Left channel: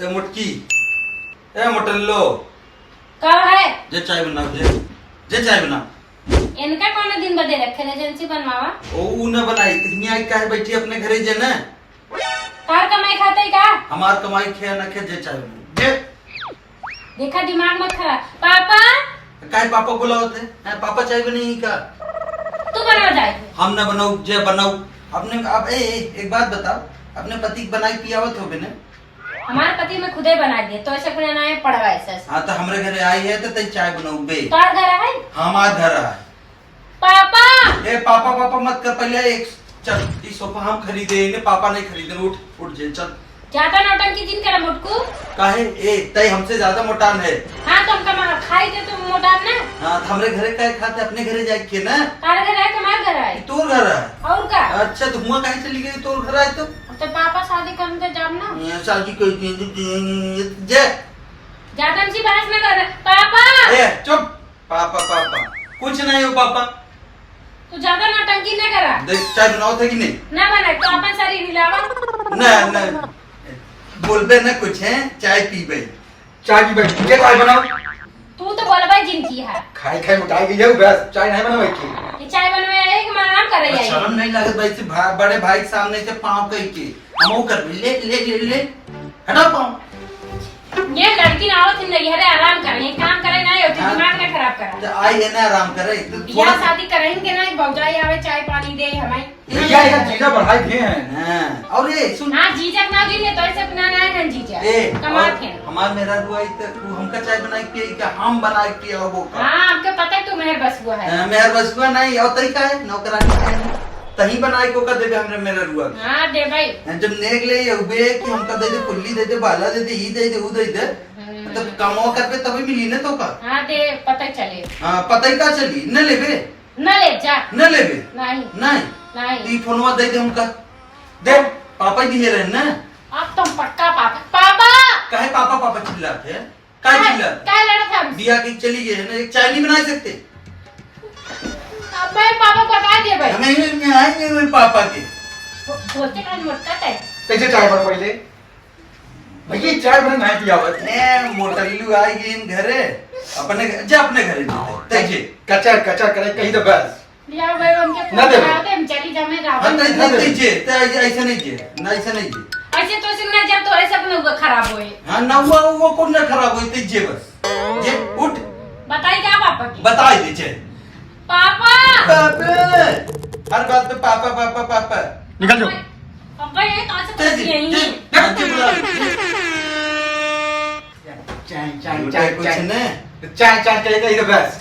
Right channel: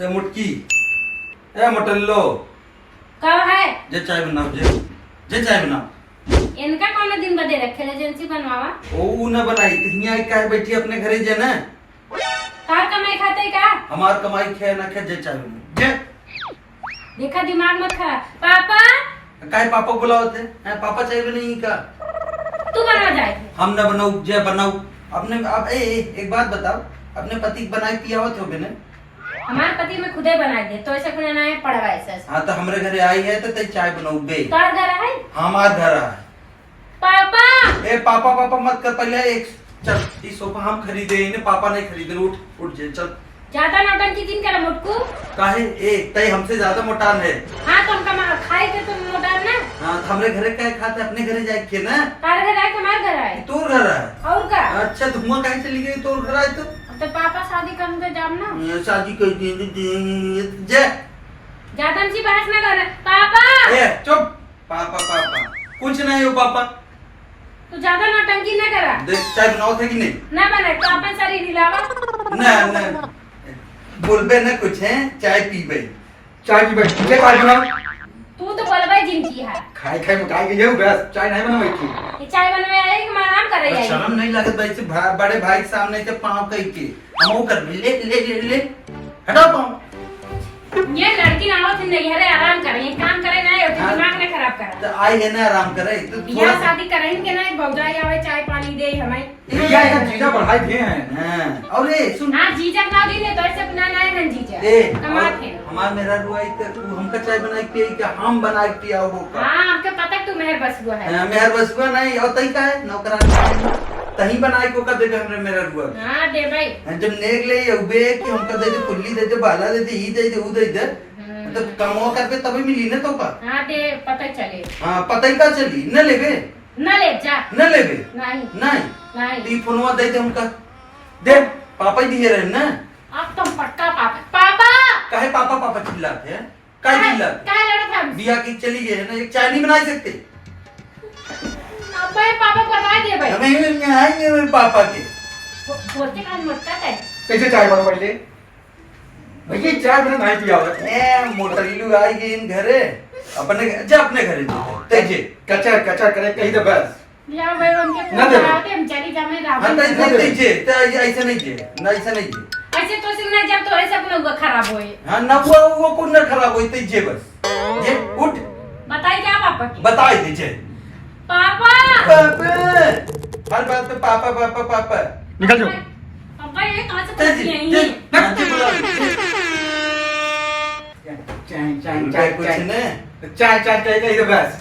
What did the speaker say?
ए मुटकी ए मोटल्लो कब है जे चाय बनाओ जे चाय बनाओ। इनका कौन दिन बदे रखे एजेंसी बनवावा ओ न बनाई हियां काहे बैठी अपने घरे जे ना कार कमाई खाते का हमार कमाई खे न खे जे चाय बनाओ जे देखा दिमाग मत खराब पापा काहे पापा बुलाओ थे पापा चाय बनी का तू बनवा जाए हम न बनाऊ जे बनाऊ अपने अब एक बात बताओ अपने पति की बनाई पियावत हो बिने हमारे पति में खुदे बना दे तो ऐसे अपने नाम पड़वा ऐसे हाँ तो हमरे घरे आई है तो तई चाय बनाऊ बे तोड़ घर है हमार घर है पापा ए पापा पापा मत कर पहले एक चल ये सोफा हम खरीदे इन्हें पापा नहीं खरीदे उठ उठ जे चल ज्यादा नौटंकी किन करा मुटकू काहे ए तई हमसे ज्यादा मोटान है हाँ तुम कमा खाई थे तुम मोटा ना हाँ तो हमरे घरे काहे खाते अपने घरे जाए के ना कार घर है तुम्हारा घर है तोर घर है और का अच्छा तो हुआ काहे चली गई तोर घर आए तो पापा शादी करने तो जाम ना ये शादी कर जे ज्यादा हमसे बहस ना कर पापा ए चुप पापा पापा कुछ नहीं हो पापा तू ज्यादा नौटंकी ना करा देख चाय बनाओ थे कि नहीं ना बने तो अपन शरीर हिलावा ना बोलबे ना कुछ है चाय पी बई चाय की भाई ये चाय बनाओ तू तो बोलबा जिनकी है खाए खाए मोटाई गई है बस चाय नहीं बनाओ की ये चाय बनवे आए कि आराम करे आई शर्म नहीं लागत भाई से बड़े भाई के सामने से पाँव कही के हम कर ले ले ले ले हटाओ पाँव ये लड़की ना हो जिंदगी हरे आराम करे ये काम करे ना ये हाँ। दिमाग ना खराब करे तो आई है ना आराम करे तो बियाह शादी करें के ना बौजाई आवे चाय पानी दे हमें भैया इधर जीजा बढ़ाई दिए हैं हाँ और ये सुन हां जीजक ना दी ने तो ऐसे अपना ना है जीजा ए कमाल थे हमार मेरा रुआई तो तू हमका चाय बनाई पिए क्या हम बनाई पियाओ वो का हां आपको पता है तू मेहर बस वो है मेहर बसुआ नहीं और तई का है नौकरानी तही बनाई को का देबे हमरे मेरा रुआ हां दे भाई जब नेक ले उबे कि हमका दे दे कुल्ली दे दे बाला दे दे ई दे दे उ दे दे तो कमवा कर पे तभी मिली ना तो का हां दे पता चले हां पता ही का चली न लेबे न ले जा न लेबे नहीं नहीं नहीं ती फोनवा दे दे हमका दे पापा ही दिए रहे ना अब तुम पक्का पापा पापा काहे पापा पापा चिल्लाते हैं काहे चिल्लाते काय लड़त हम बिया की चली गई है ना एक चाय नहीं बना सकते अब मैं पापा को बता दे भाई हमें आएंगे मेरे पापा के बोलते का मोटा है कैसे चाय बनो पहले भैया चाय बना नहीं पिया हुआ ए मोटल्लू आई गई इन घरे अपने जा अपने घरे तेजे कचर कचर करे कहीं तो बस या भाई हमके ना दे। हम चली जा मैं हां रावण नहीं तेजे तो ऐसे नहीं जे ना ऐसे नहीं जे ऐसे तो सिंह जब तोरे सपने हुआ खराब होए हां ना वो कौन ना खराब होई तेजे बस जे उठ बताई क्या पापा की बता दे जे पापा पापा हर बात पे पापा पापा पापा निकल जाओ पापा ये कहां से तेजे पहुंच गई जे चाय चाय कुछ चाय ने चाय चाय करे कहीं तो बस